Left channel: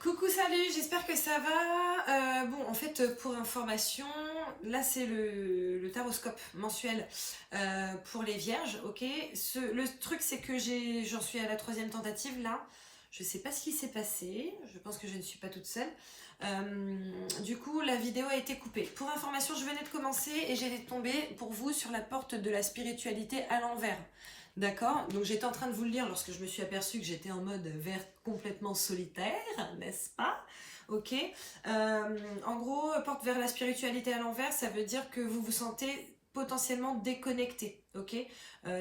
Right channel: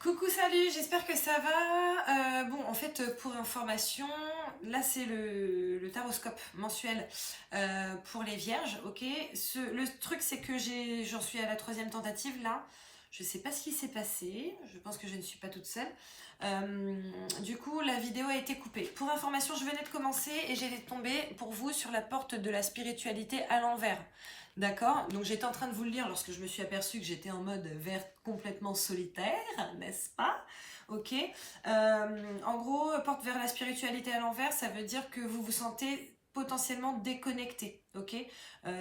Coucou, salut, j'espère que ça va. Bon, en fait, pour information, là c'est le taroscope mensuel pour les vierges, ok. Le truc c'est que j'en suis à la troisième tentative là. Je sais pas ce qui s'est passé, je pense que je ne suis pas toute seule. Du coup, la vidéo a été coupée. Pour information, je venais de commencer et j'étais tombée pour vous sur la porte de la spiritualité à l'envers. D'accord? Donc j'étais en train de vous le lire lorsque je me suis aperçue que j'étais en mode vert complètement solitaire, n'est-ce pas? Ok. En gros, porte vers la spiritualité à l'envers, ça veut dire que vous vous sentez potentiellement déconnecté, ok?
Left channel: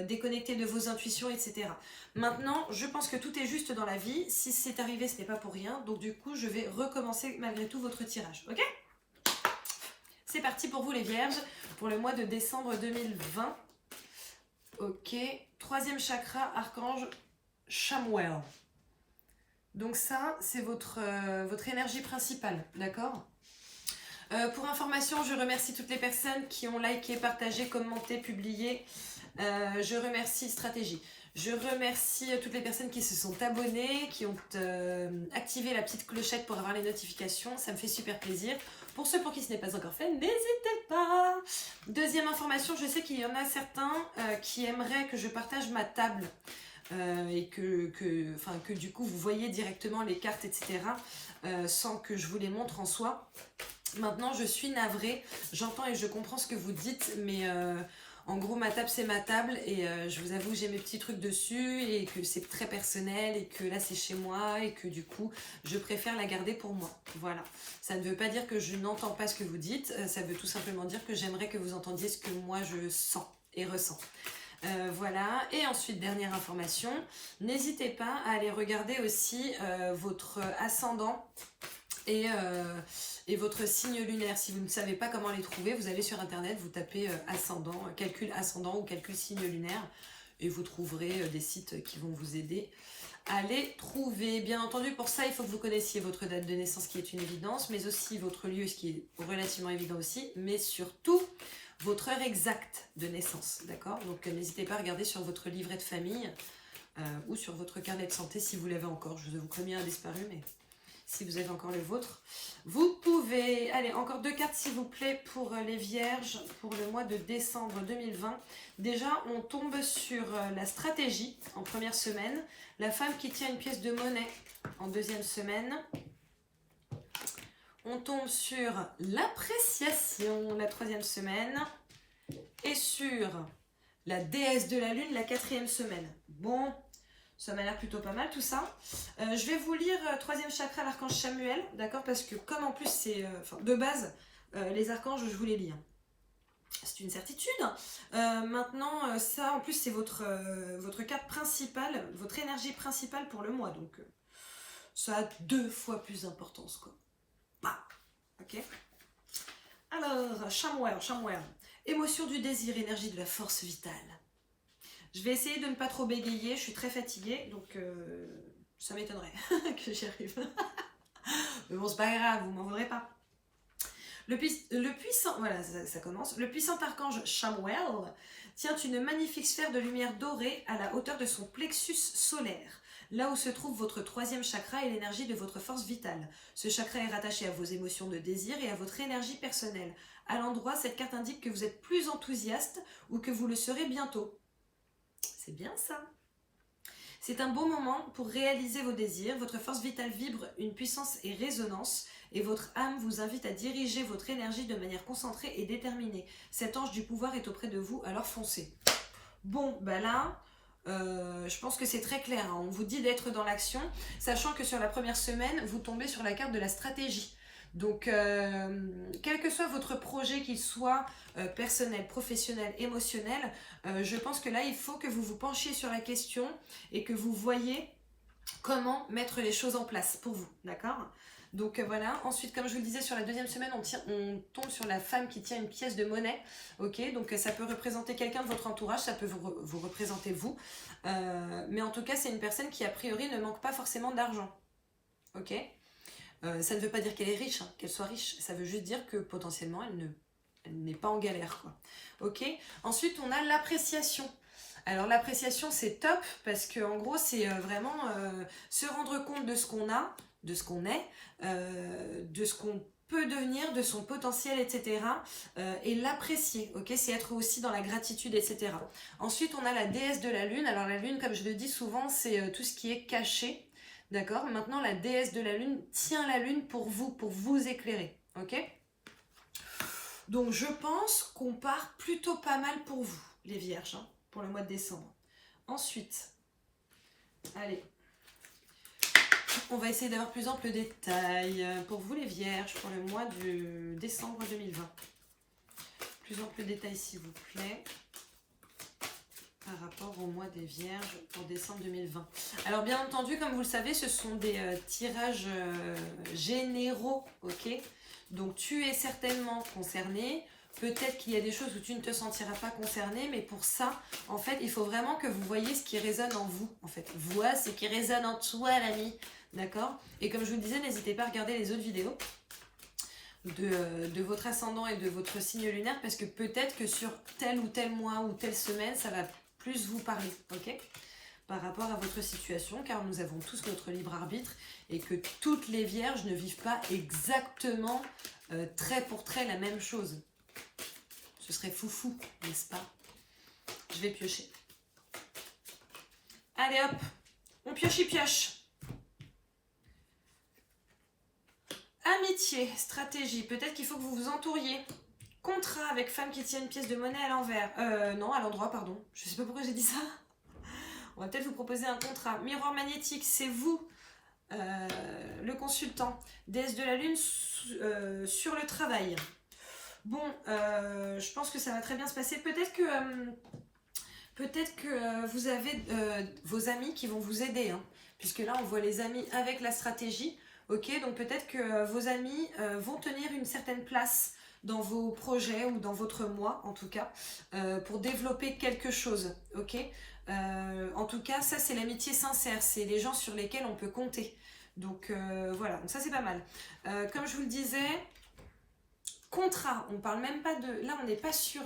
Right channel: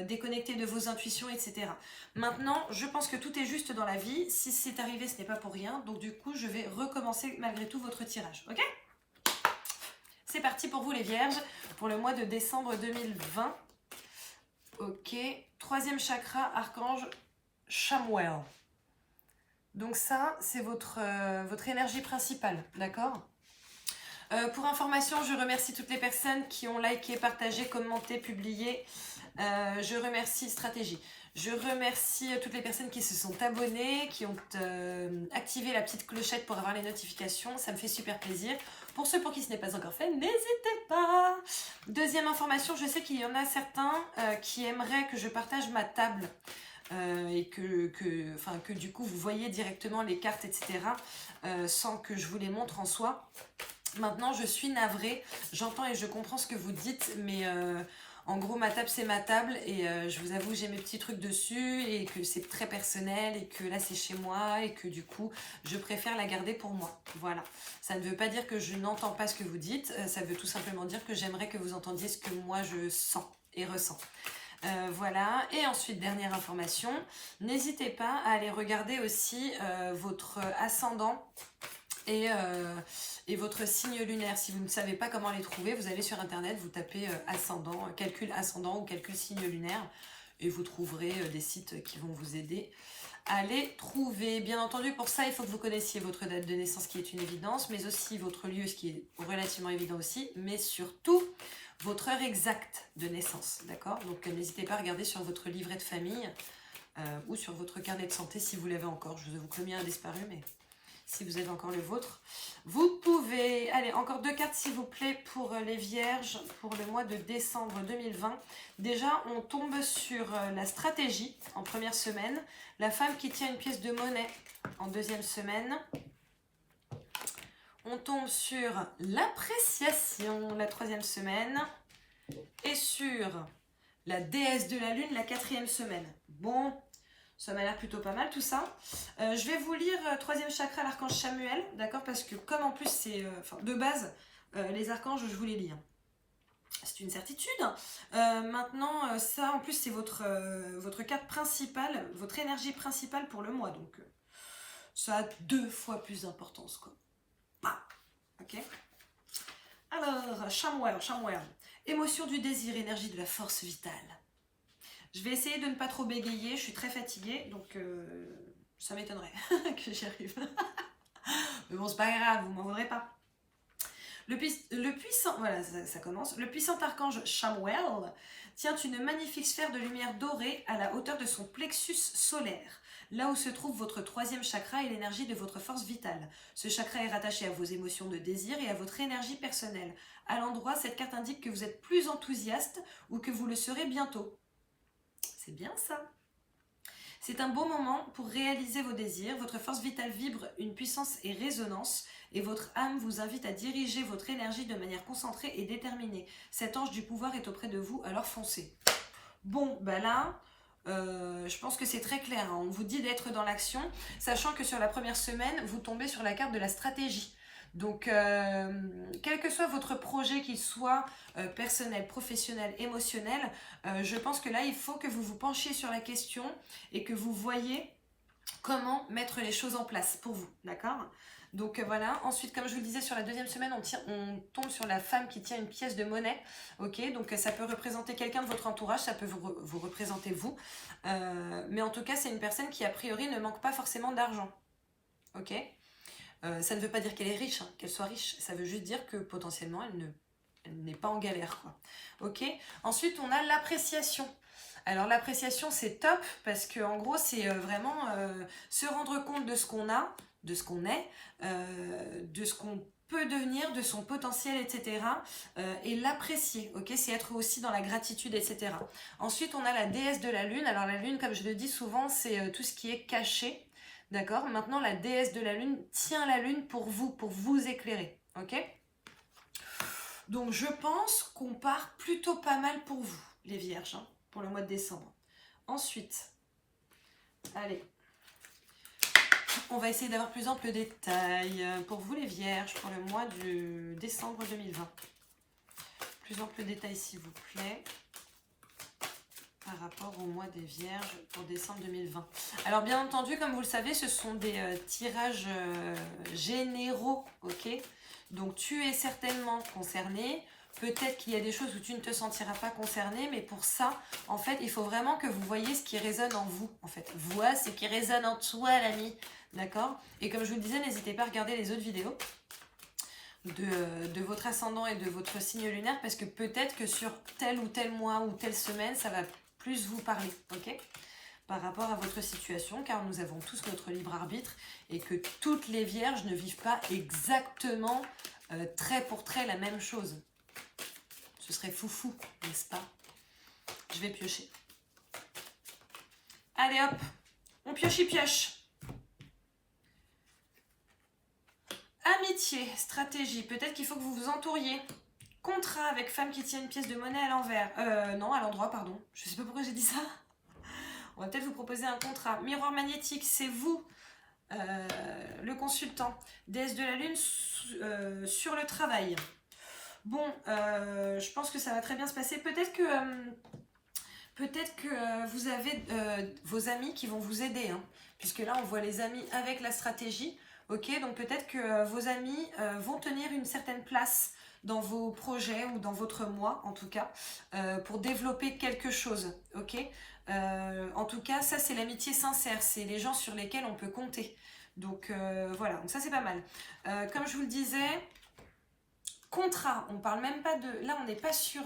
Déconnecté de vos intuitions, etc. Maintenant, je pense que tout est juste dans la vie. Si c'est arrivé, ce n'est pas pour rien. Donc du coup, je vais recommencer malgré tout votre tirage, ok? C'est parti pour vous les vierges, pour le mois de décembre 2020. Ok, troisième chakra, archange Chamuel. Donc ça, c'est votre énergie principale, d'accord? Pour information, je remercie toutes les personnes qui ont liké, partagé, commenté, publié. Je remercie Stratégie. Je remercie toutes les personnes qui se sont abonnées, qui ont activé la petite clochette pour avoir les notifications. Ça me fait super plaisir. Pour ceux pour qui ce n'est pas encore fait, n'hésitez pas. Deuxième information, je sais qu'il y en a certains qui aimeraient que je partage ma table et que du coup vous voyez directement les cartes, etc. Sans que je vous les montre en soi. Maintenant, je suis navrée. J'entends et je comprends ce que vous dites, mais en gros, ma table, c'est ma table et je vous avoue, j'ai mes petits trucs dessus et que c'est très personnel et que là, c'est chez moi et que du coup, je préfère la garder pour moi. Voilà. Ça ne veut pas dire que je n'entends pas ce que vous dites, ça veut tout simplement dire que j'aimerais que vous entendiez ce que moi, je sens et ressens. Voilà, et ensuite dernière information, n'hésitez pas à aller regarder aussi votre ascendant et votre signe lunaire. Si vous ne savez pas comment les trouver, vous allez sur internet, vous tapez ascendant, calcul ascendant ou calcul signe lunaire et vous trouverez des sites qui vont vous aider à les trouver. Bien entendu, pour ça, il faut que vous connaissiez votre date de naissance qui est une évidence, mais aussi votre lieu, ce qui est relativement évident aussi, mais surtout votre heure exacte de naissance, d'accord? Donc n'hésitez pas à regarder sur votre livret de famille ou sur votre carnet de santé si vous l'avez encore. Je vous avoue que le mien a disparu, mais si vous avez encore le vôtre, vous pouvez. Allez, encore deux cartes s'il vous plaît pour les vierges pour le mois de décembre 2020. Déjà, on tombe sur la stratégie en première semaine, la femme qui tient une pièce de monnaie en deuxième semaine. On tombe sur l'appréciation la troisième semaine et sur la déesse de la lune la quatrième semaine. Bon, ça m'a l'air plutôt pas mal tout ça. Je vais vous lire troisième chakra, l'archange Chamuel, d'accord? Parce que comme en plus c'est de base, les archanges, je vous les lis. Hein. C'est une certitude. Maintenant, ça en plus c'est votre carte principale, votre énergie principale pour le mois. Donc ça a 2 fois plus d'importance quoi. Bah, ok. Alors, Chamuel. Émotion du désir, énergie de la force vitale. Je vais essayer de ne pas trop bégayer, je suis très fatiguée, donc ça m'étonnerait que j'y arrive. Mais bon, c'est pas grave, vous m'en voudrez pas. Le puissant, voilà, ça commence. Le puissant archange Chamuel tient une magnifique sphère de lumière dorée à la hauteur de son plexus solaire, là où se trouve votre troisième chakra et l'énergie de votre force vitale. Ce chakra est rattaché à vos émotions de désir et à votre énergie personnelle. À l'endroit, cette carte indique que vous êtes plus enthousiaste ou que vous le serez bientôt. C'est bien ça. C'est un beau moment pour réaliser vos désirs. Votre force vitale vibre une puissance et résonance et votre âme vous invite à diriger votre énergie de manière concentrée et déterminée. Cet ange du pouvoir est auprès de vous, alors foncez. Bon, ben là, je pense que c'est très clair. Hein. On vous dit d'être dans l'action, sachant que sur la première semaine, vous tombez sur la carte de la stratégie. Donc, quel que soit votre projet, qu'il soit personnel, professionnel, émotionnel, je pense que là, il faut que vous vous penchiez sur la question et que vous voyez comment mettre les choses en place pour vous, d'accord? Donc voilà, ensuite comme je vous le disais sur la deuxième semaine, on tombe sur la femme qui tient une pièce de monnaie, ok? Donc ça peut représenter quelqu'un de votre entourage, ça peut vous représenter vous, mais en tout cas c'est une personne qui a priori ne manque pas forcément d'argent, ok? Ça ne veut pas dire qu'elle est riche, hein, qu'elle soit riche, ça veut juste dire que potentiellement elle n'est pas en galère, quoi. Ok. Ensuite on a l'appréciation. Alors l'appréciation c'est top parce que en gros c'est vraiment se rendre compte de ce qu'on a de ce qu'on est, de ce qu'on peut devenir, de son potentiel, etc. Et l'apprécier, ok? C'est être aussi dans la gratitude, etc. Ensuite, on a la déesse de la lune. Alors la lune, comme je le dis souvent, c'est tout ce qui est caché, d'accord? Maintenant, la déesse de la lune tient la lune pour vous éclairer, ok? Donc, je pense qu'on part plutôt pas mal pour vous, les vierges, hein, pour le mois de décembre. Ensuite, allez, on va essayer d'avoir plus ample détail pour vous, les vierges, pour le mois de décembre 2020. Plus ample détail, s'il vous plaît, par rapport au mois des vierges pour décembre 2020. Alors, bien entendu, comme vous le savez, ce sont des tirages généraux, ok? Donc, tu es certainement concerné. Peut-être qu'il y a des choses où tu ne te sentiras pas concerné, mais pour ça, en fait, il faut vraiment que vous voyez ce qui résonne en vous. En fait, vois ce qui résonne en toi, l'ami. D'accord? Et comme je vous le disais, n'hésitez pas à regarder les autres vidéos de votre ascendant et de votre signe lunaire, parce que peut-être que sur tel ou tel mois ou telle semaine, ça va plus vous parler, ok? Par rapport à votre situation, car nous avons tous notre libre arbitre et que toutes les vierges ne vivent pas exactement trait pour trait la même chose. Ce serait foufou, n'est-ce pas? Je vais piocher. Allez hop, on pioche. Amitié, stratégie, peut-être qu'il faut que vous vous entouriez. Contrat avec femme qui tient une pièce de monnaie à l'envers. Non, à l'endroit, pardon. Je sais pas pourquoi j'ai dit ça. On va peut-être vous proposer un contrat. Miroir magnétique, c'est vous, le consultant. Déesse de la lune sur le travail. Bon, je pense que ça va très bien se passer. Peut-être que vous avez vos amis qui vont vous aider, hein, puisque là, on voit les amis avec la stratégie. Ok, donc peut-être que vos amis vont tenir une certaine place dans vos projets ou dans votre mois, en tout cas, pour développer quelque chose. Ok, en tout cas, ça, c'est l'amitié sincère. C'est les gens sur lesquels on peut compter. Donc, voilà, donc ça, c'est pas mal. Comme je vous le disais, contrat, on parle même pas de... Là, on n'est pas sur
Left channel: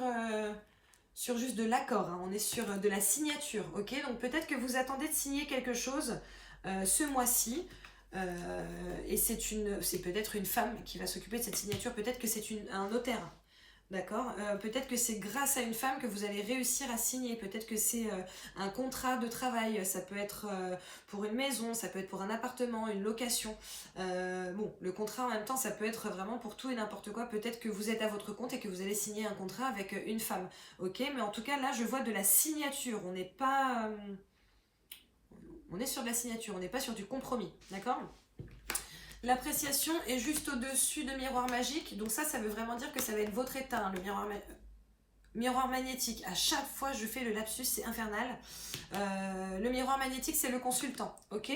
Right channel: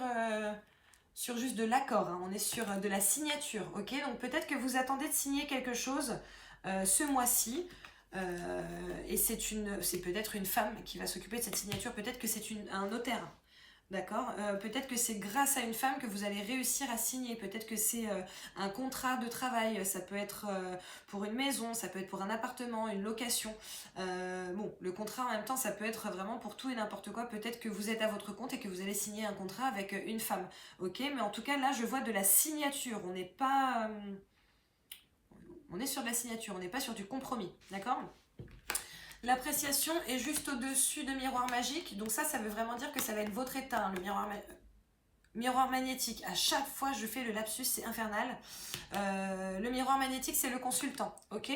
juste de l'accord, hein, on est sur de la signature, ok? Donc peut-être que vous attendez de signer quelque chose ce mois-ci, et c'est peut-être une femme qui va s'occuper de cette signature, peut-être que c'est un notaire, d'accord? Peut-être que c'est grâce à une femme que vous allez réussir à signer, peut-être que c'est un contrat de travail, ça peut être pour une maison, ça peut être pour un appartement, une location. Bon, le contrat en même temps, ça peut être vraiment pour tout et n'importe quoi. Peut-être que vous êtes à votre compte et que vous allez signer un contrat avec une femme, ok? Mais en tout cas, là, je vois de la signature, on n'est pas... on est sur de la signature, on n'est pas sur du compromis, d'accord? L'appréciation est juste au-dessus de miroir magique. Donc ça veut vraiment dire que ça va être votre état, hein, le miroir magnétique. À chaque fois, je fais le lapsus, c'est infernal. Le miroir magnétique, c'est le consultant, ok?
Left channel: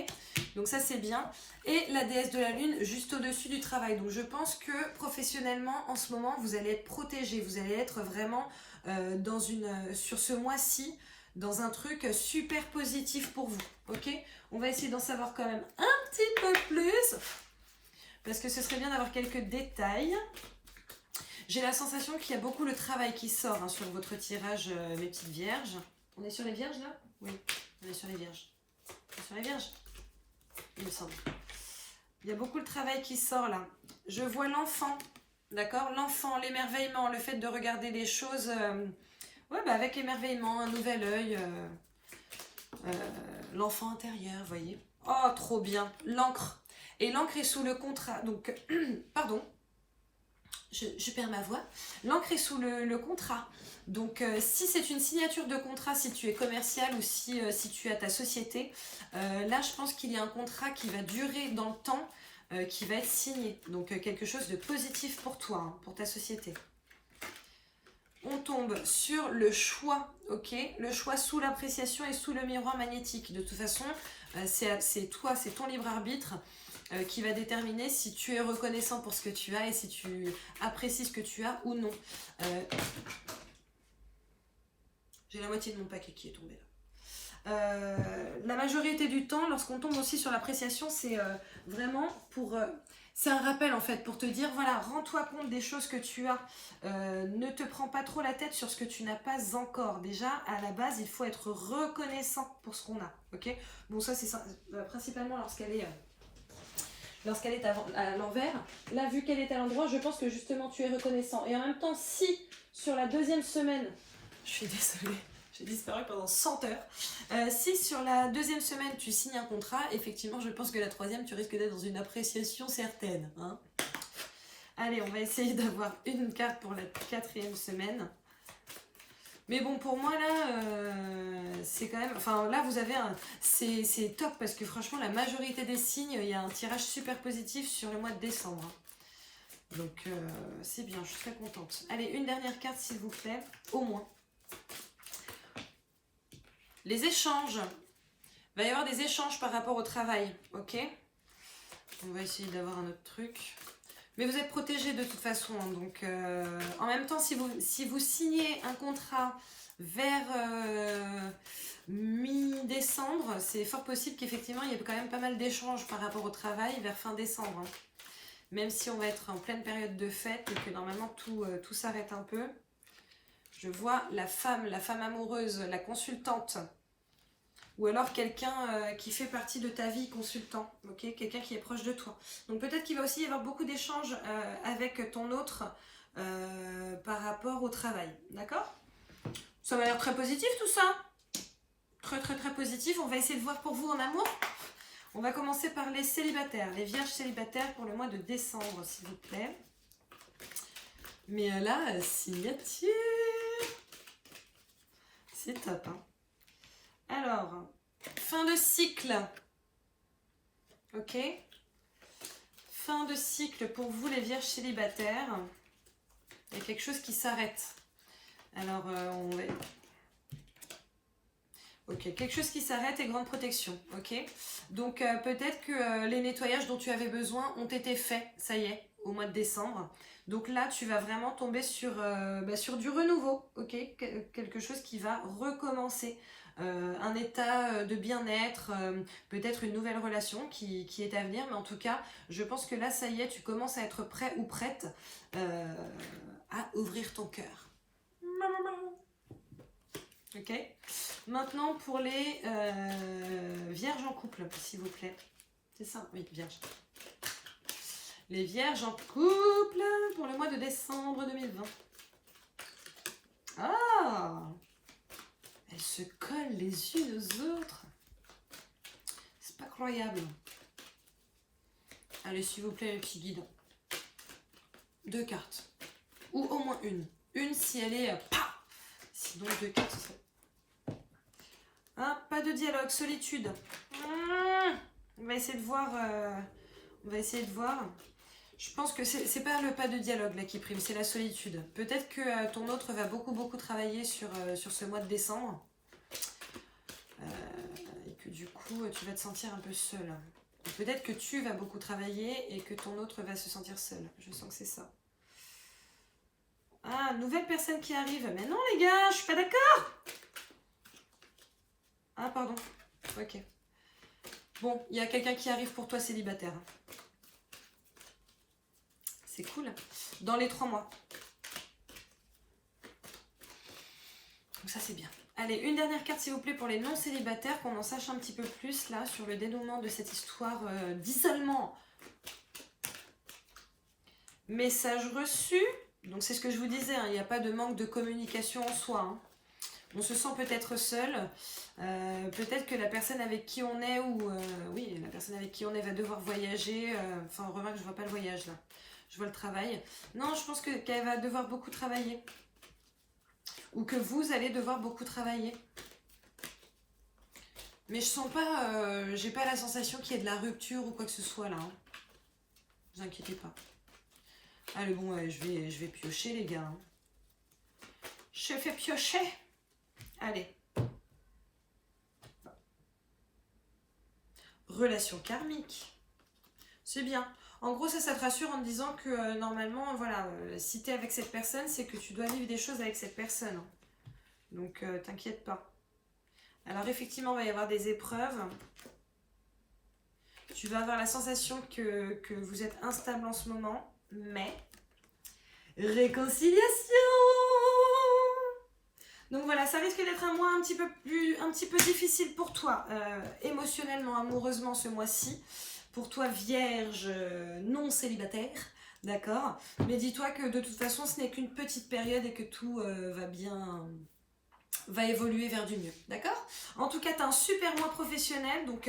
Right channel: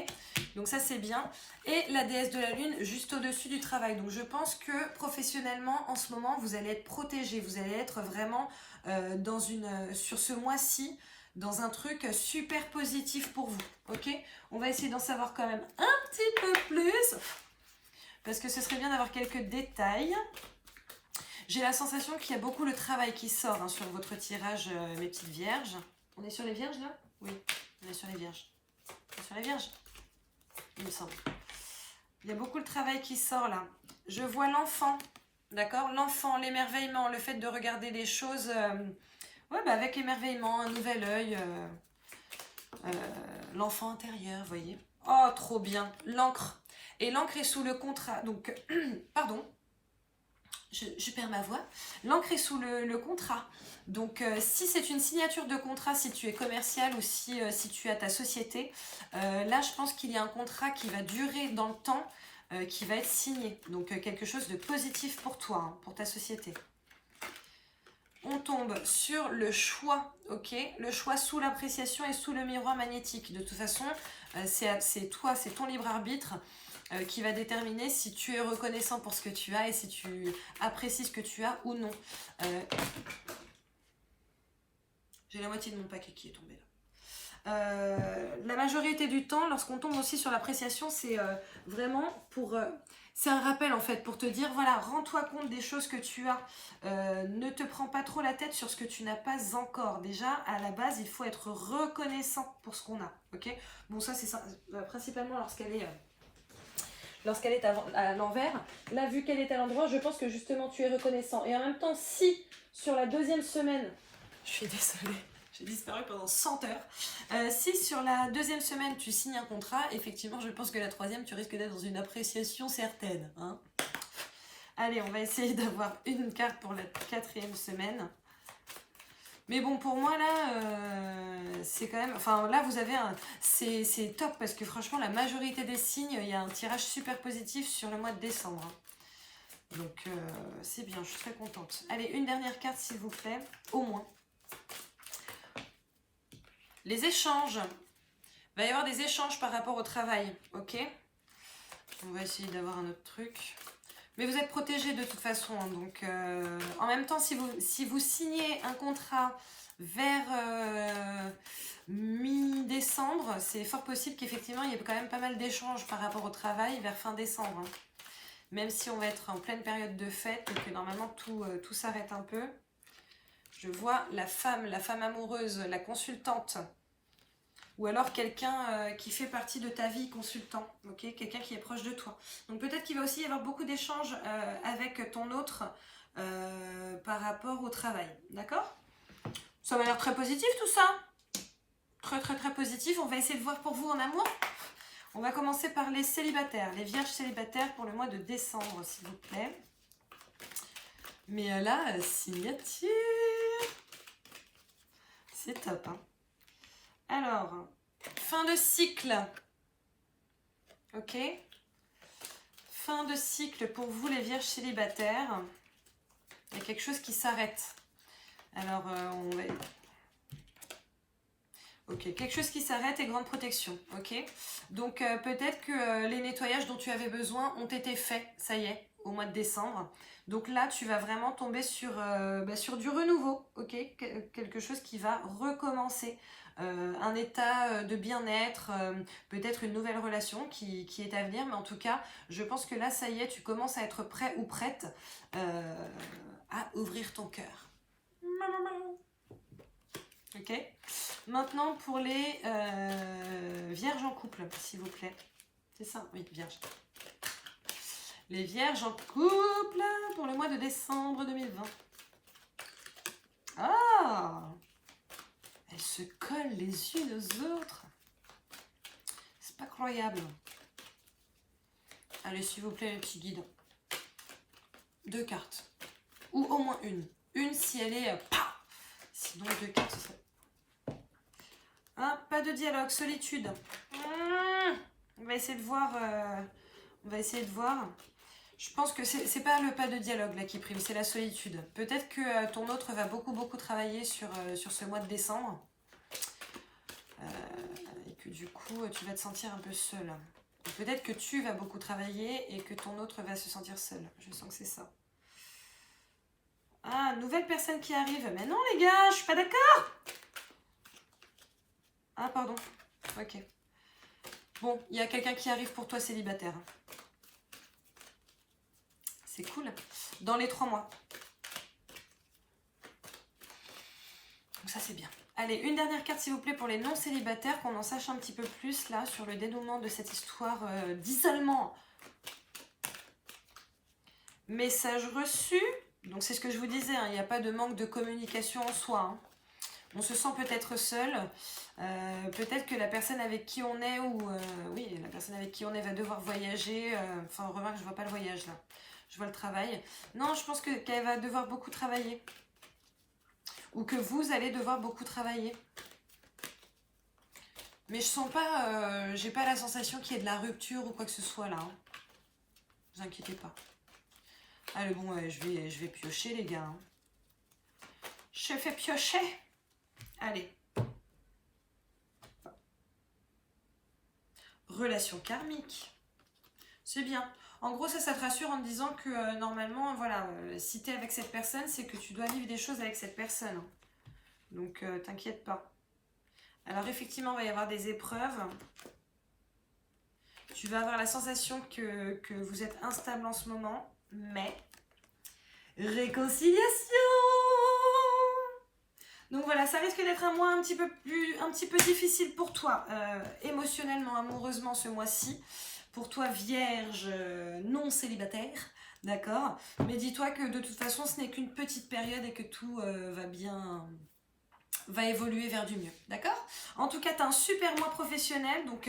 Donc ça, c'est bien. Et la déesse de la lune, juste au-dessus du travail. Donc je pense que professionnellement, en ce moment, vous allez être protégé. Vous allez être vraiment sur ce mois-ci, dans un truc super positif pour vous, ok? On va essayer d'en savoir quand même un petit peu plus, parce que ce serait bien d'avoir quelques détails. J'ai la sensation qu'il y a beaucoup le travail qui sort, hein, sur votre tirage, mes petites vierges. On est sur les vierges là? Oui, on est sur les vierges. On est sur les vierges, il me semble. Il y a beaucoup le travail qui sort là. Je vois l'enfant, d'accord? L'enfant, l'émerveillement, le fait de regarder les choses avec émerveillement, un nouvel œil. L'enfant intérieur, vous voyez? Oh, trop bien. L'encre. Et l'encre est sous le contrat. Donc, pardon. Je perds ma voix. L'encre est sous le contrat. Donc, si c'est une signature de contrat, si tu es commercial ou si tu as ta société, là, je pense qu'il y a un contrat qui va durer dans le temps, qui va être signé. Donc, quelque chose de positif pour toi, hein, pour ta société. On tombe sur le choix, ok? Le choix sous l'appréciation et sous le miroir magnétique. De toute façon, c'est toi, c'est ton libre arbitre qui va déterminer si tu es reconnaissant pour ce que tu as et si tu apprécies ce que tu as ou non. J'ai la moitié de mon paquet qui est tombé là. La majorité du temps, lorsqu'on tombe aussi sur l'appréciation, c'est vraiment pour... c'est un rappel en fait pour te dire, voilà, rends-toi compte des choses que tu as. Ne te prends pas trop la tête sur ce que tu n'as pas encore. Déjà, à la base, il faut être reconnaissant pour ce qu'on a. Ok? Bon, ça, c'est principalement lorsqu'elle est lorsqu'elle est à l'envers. Là, vu qu'elle est à l'endroit, je pense que justement tu es reconnaissant. Et en même temps, si sur la deuxième semaine, je suis désolée, j'ai disparu pendant 100 heures. Si sur la deuxième semaine tu signes un contrat, effectivement, je pense que la troisième, tu risques d'être dans une appréciation certaine. Hein. Allez, on va essayer d'avoir une carte pour la quatrième semaine. Mais bon, pour moi, là, c'est quand même... Enfin, là, vous avez un... C'est top parce que franchement, la majorité des signes, il y a un tirage super positif sur le mois de décembre. Donc, c'est bien, je suis très contente. Allez, une dernière carte, s'il vous plaît, au moins. Les échanges. Il va y avoir des échanges par rapport au travail, ok? On va essayer d'avoir un autre truc. Mais vous êtes protégés de toute façon. Hein, donc, en même temps, si vous signez un contrat vers mi-décembre, c'est fort possible qu'effectivement, il y ait quand même pas mal d'échanges par rapport au travail vers fin décembre. Hein. Même si on va être en pleine période de fête et que normalement, tout s'arrête un peu. Je vois la femme amoureuse, la consultante. Ou alors quelqu'un qui fait partie de ta vie, consultant, ok, quelqu'un qui est proche de toi. Donc peut-être qu'il va aussi y avoir beaucoup d'échanges avec ton autre par rapport au travail, d'accord? Ça m'a l'air très positif tout ça. Très très très positif. On va essayer de voir pour vous en amour. On va commencer par les célibataires, les vierges célibataires pour le mois de décembre, s'il vous plaît. Mais là, signature. C'est top, hein. Alors, fin de cycle. Ok. Fin de cycle pour vous les vierges célibataires. Il y a quelque chose qui s'arrête. Alors, on va... Ok, quelque chose qui s'arrête et grande protection. Ok. Donc, peut-être que les nettoyages dont tu avais besoin ont été faits, ça y est, au mois de décembre. Donc là, tu vas vraiment tomber sur du renouveau. Ok. Quelque chose qui va recommencer. Un état de bien-être, peut-être une nouvelle relation qui est à venir, mais en tout cas, je pense que là, ça y est, tu commences à être prêt ou prête à ouvrir ton cœur. Ok. Maintenant, pour les vierges en couple, s'il vous plaît. C'est ça? Oui, vierges. Les vierges en couple pour le mois de décembre 2020. Ah! Elles se collent les unes aux autres. C'est pas croyable. Allez, s'il vous plaît, les petits guides. 2 cartes. Ou au moins une. Une si elle est... Sinon, 2 cartes, ce serait... Hein, pas de dialogue, solitude. On va essayer de voir. On va essayer de voir. Je pense que c'est pas le pas de dialogue là qui prime, c'est la solitude. Peut-être que ton autre va beaucoup travailler sur ce mois de décembre. Et que du coup, tu vas te sentir un peu seul. Peut-être que tu vas beaucoup travailler et que ton autre va se sentir seul. Je sens que c'est ça. Ah, nouvelle personne qui arrive. Mais non les gars, je suis pas d'accord. Ah, pardon. Ok. Bon, il y a quelqu'un qui arrive pour toi célibataire. C'est cool. Dans les 3 mois. Donc ça, c'est bien. Allez, une dernière carte, s'il vous plaît, pour les non-célibataires, qu'on en sache un petit peu plus, là, sur le dénouement de cette histoire d'isolement. Message reçu. Donc, c'est ce que je vous disais, hein, il n'y a pas de manque de communication en soi. Hein. On se sent peut-être seul. Peut-être que la personne avec qui on est, oui, la personne avec qui on est va devoir voyager. Enfin, remarque, je vois pas le voyage, là. Je vois le travail. Non, je pense qu'elle va devoir beaucoup travailler. Ou que vous allez devoir beaucoup travailler. Mais je sens pas, j'ai pas la sensation qu'il y ait de la rupture ou quoi que ce soit là. Hein. Ne vous inquiétez pas. Allez, bon, je vais piocher les gars. Hein. Je fais piocher. Allez. Relation karmique. C'est bien. En gros, ça te rassure en te disant que normalement, voilà, si tu es avec cette personne, c'est que tu dois vivre des choses avec cette personne. Donc, t'inquiète pas. Alors, effectivement, il va y avoir des épreuves. Tu vas avoir la sensation que vous êtes instable en ce moment, mais réconciliation. Donc voilà, ça risque d'être un mois un petit peu difficile pour toi, émotionnellement, amoureusement ce mois-ci. pour toi vierge non célibataire, d'accord? Mais dis-toi que de toute façon, ce n'est qu'une petite période et que tout va évoluer vers du mieux, d'accord? En tout cas, tu as un super mois professionnel, donc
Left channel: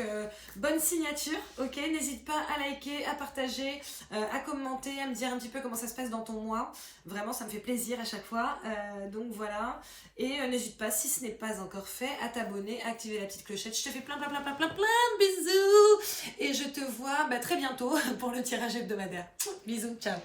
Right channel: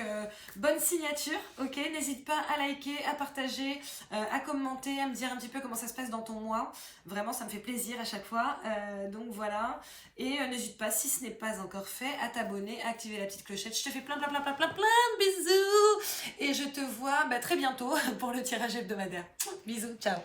bonne signature, ok? N'hésite pas à liker, à partager, à commenter, à me dire un petit peu comment ça se passe dans ton mois. Vraiment, ça me fait plaisir à chaque fois. Donc voilà. Et n'hésite pas, si ce n'est pas encore fait, à t'abonner, à activer la petite clochette. Je te fais plein de bisous. Et je te vois très bientôt pour le tirage hebdomadaire. Bisous, ciao.